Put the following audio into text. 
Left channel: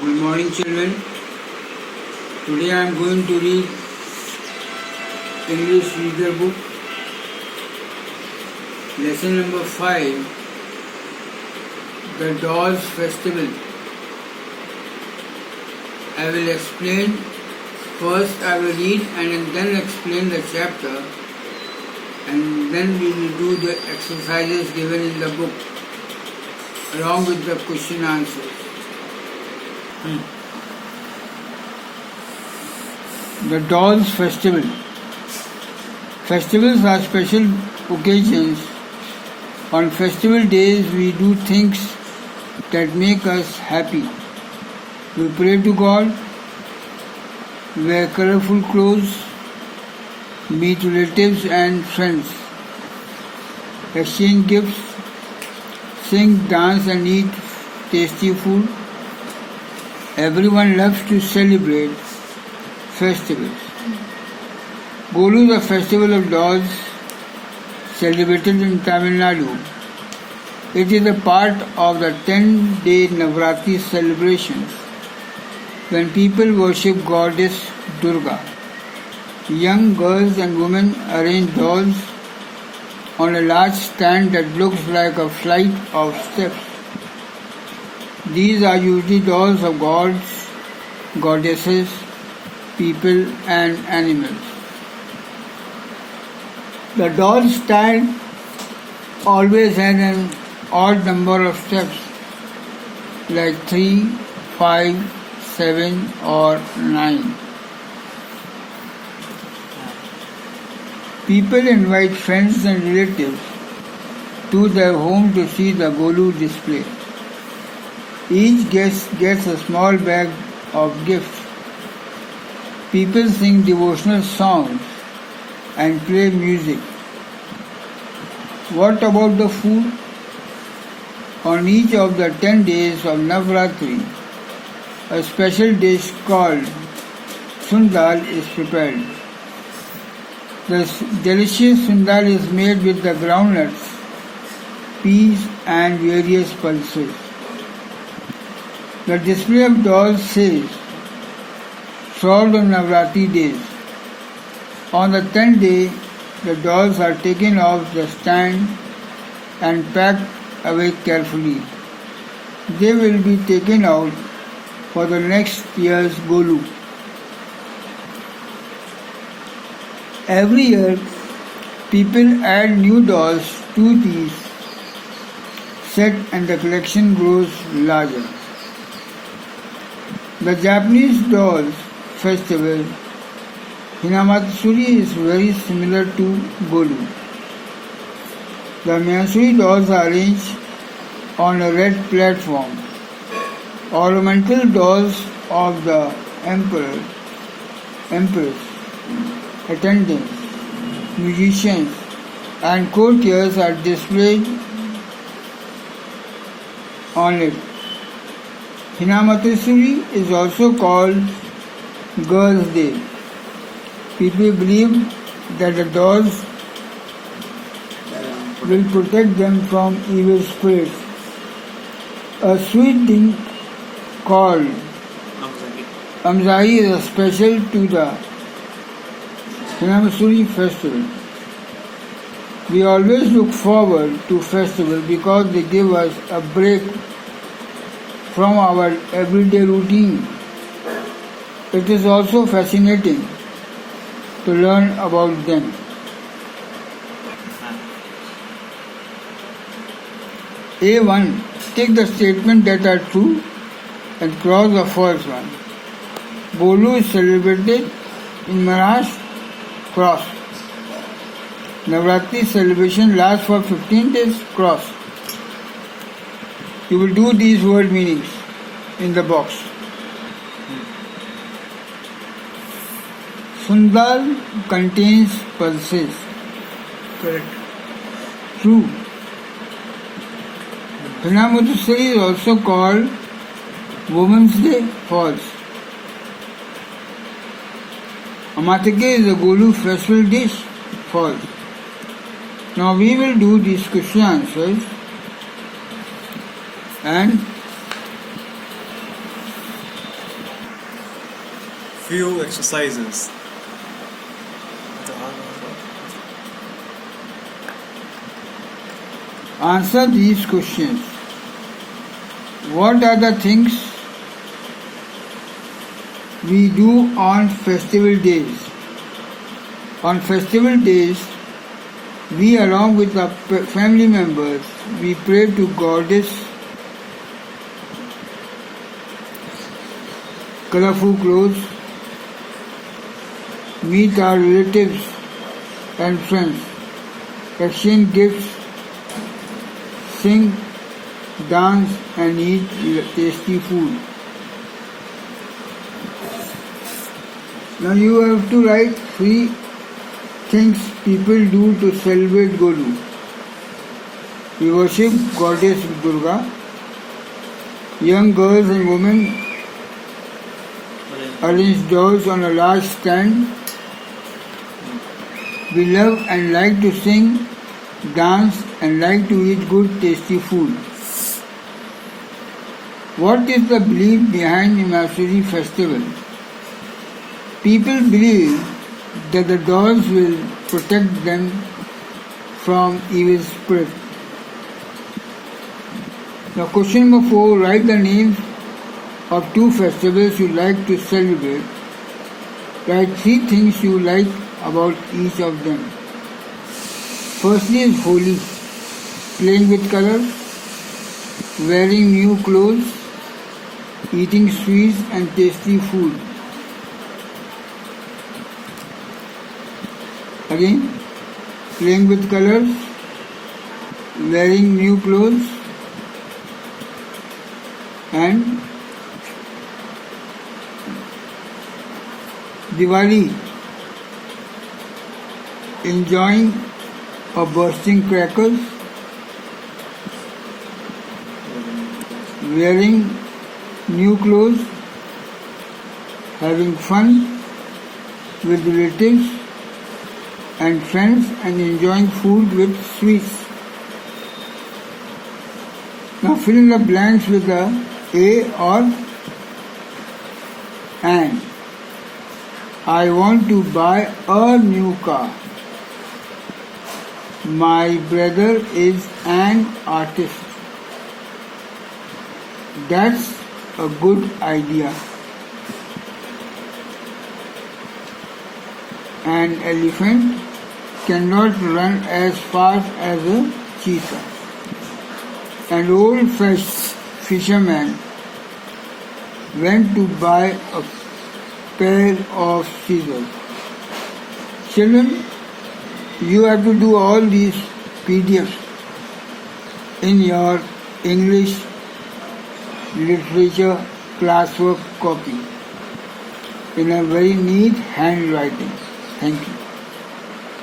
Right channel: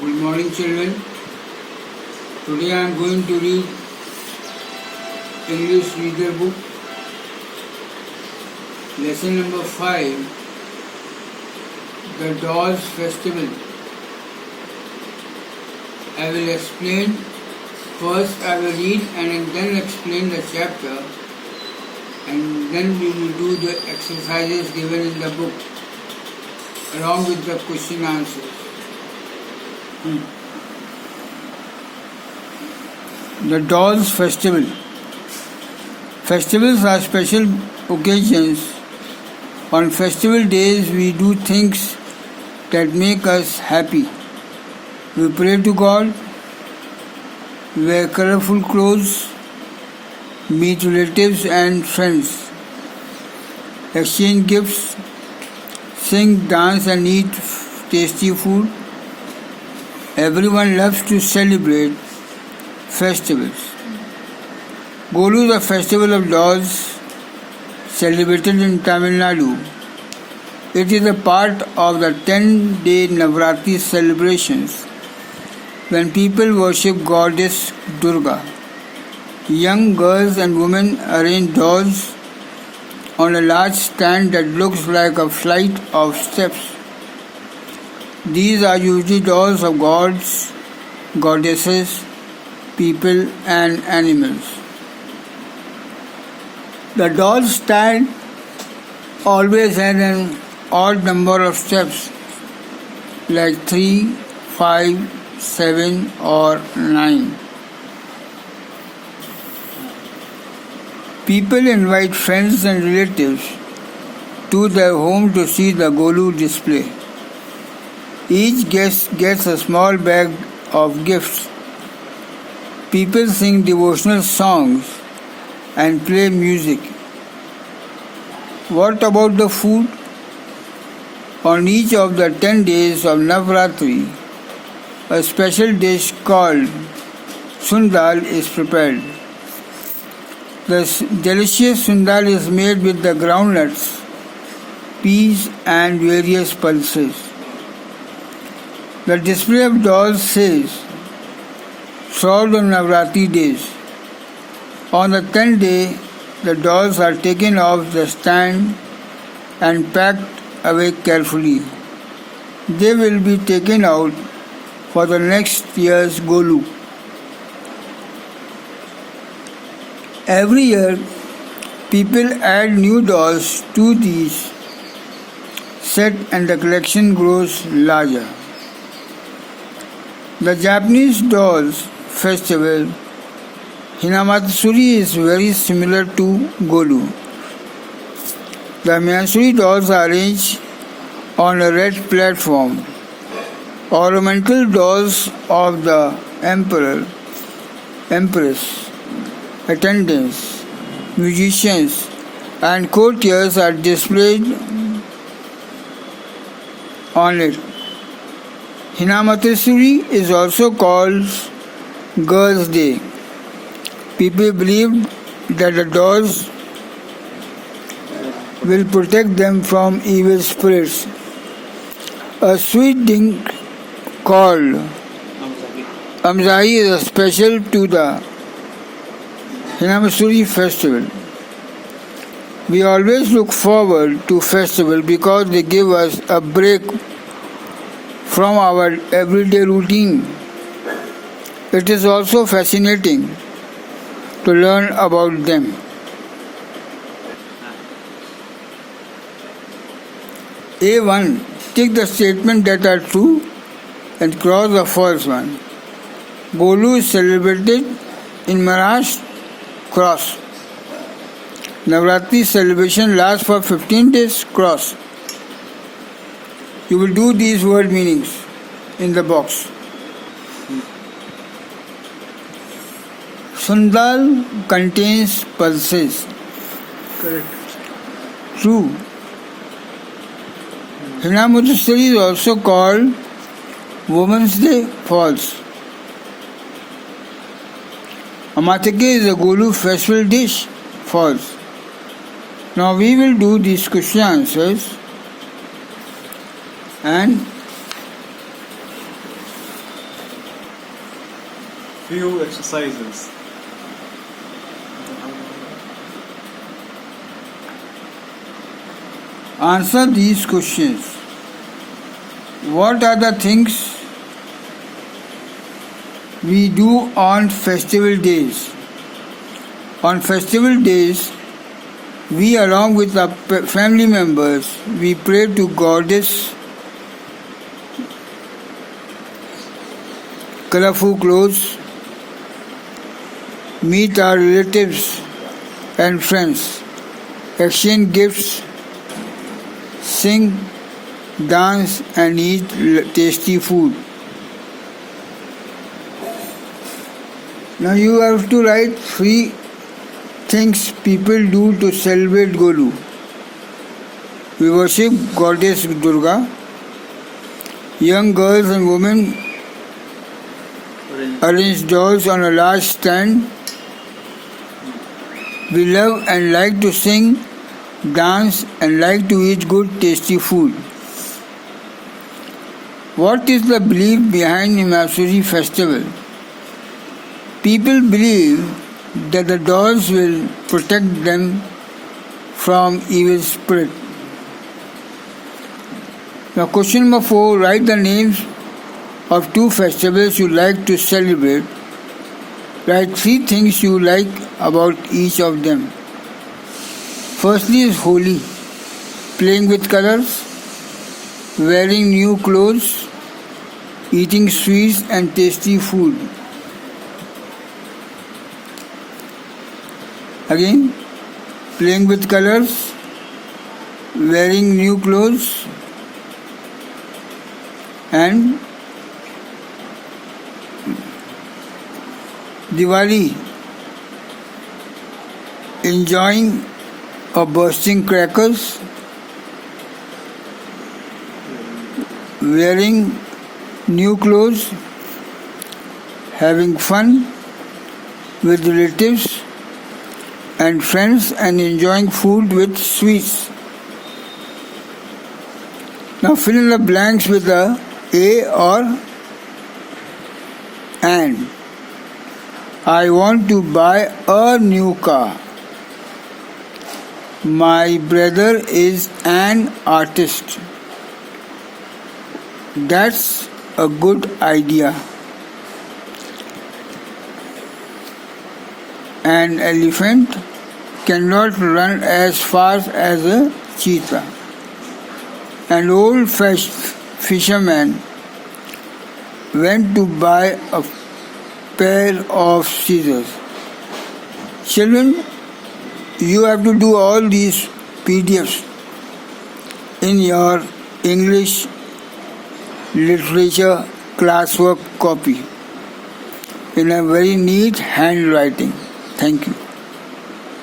Good morning, children. Today I am going to read English Reader Book, Lesson number 5, The Dolls Festival. I will explain. First I will read and then explain the chapter, and then we will do the exercises given in the book along with the question answers. The Dolls Festival. Festivals are special occasions. On festival days we do things that make us happy. We pray to God, wear colorful clothes, meet relatives and friends, exchange gifts, sing, dance and eat tasty food. Everyone loves to celebrate festivals. Golu is a festival of dolls celebrated in Tamil Nadu. It is a part of the 10-day Navratri celebrations when people worship goddess Durga. Young girls and women arrange dolls on a large stand that looks like a flight of steps. These are usually dolls of gods, goddesses, people and animals. The doll stand always has an odd number of steps, like 3, 5, 7 or 9. People invite friends and relatives to their home to see the Golu display. Each guest gets a small bag of gifts. People sing devotional songs and play music. What about the food? On each of the 10 days of Navratri, a special dish called Sundal is prepared. The delicious Sundal is made with the groundnuts, peas and various pulses. The display of dolls says, solved on Navratri days. On the 10th day, the dolls are taken off the stand and packed away carefully. They will be taken out for the next year's Golu. Every year, people add new dolls to these set and the collection grows larger. The Japanese dolls festival Hinamatsuri is very similar to Golu. The Matsuri dolls are arranged on a red platform. Ornamental dolls of the emperor, empress, attendants, musicians and courtiers are displayed on it. Hinamatsuri is also called Girls' Day. People believe that the dolls will protect them from evil spirits. A sweet drink called Amzahi is special to the Hinamatsuri festival. We always look forward to festival because they give us a break from our everyday routine. It is also fascinating to learn about them. A1. Take the statements that are true and cross the false one. Golu is celebrated in Maharashtra. Cross. Navratri celebration lasts for 15 days. Cross. You will do these word meanings in the box. Sundal contains pulses. Correct. True. Hinamatsuri is also called Women's Day. False. Amatake is a Golu festival dish. False. Now we will do these question answers and few exercises. Answer these questions. What are the things we do on festival days? On festival days, we along with our family members, we pray to Goddess, colorful clothes, meet our relatives and friends, exchange gifts, sing, dance and eat tasty food. Now you have to write 3 things people do to celebrate Golu. We worship Goddess Durga. Young girls and women arrange dolls on a large stand. We love and like to sing, dance and like to eat good tasty food. What is the belief behind Imasuri festival? People believe that the dolls will protect them from evil spirit. Now question number 4, write the names of 2 festivals you like to celebrate. Write 3 things you like about each of them. Firstly is Holi, playing with colors, wearing new clothes, eating sweets and tasty food. Again, playing with colors, wearing new clothes and Diwali, enjoying or bursting crackers, wearing new clothes, having fun with relatives and friends and enjoying food with sweets. Now fill in the blanks with a or and. I want to buy a new car. My brother is an artist. That's a good idea. An elephant cannot run as fast as a cheetah. An old fisherman went to buy a pair of scissors. Children, you have to do all these PDFs in your English literature classwork copy in a very neat handwriting. Thank you.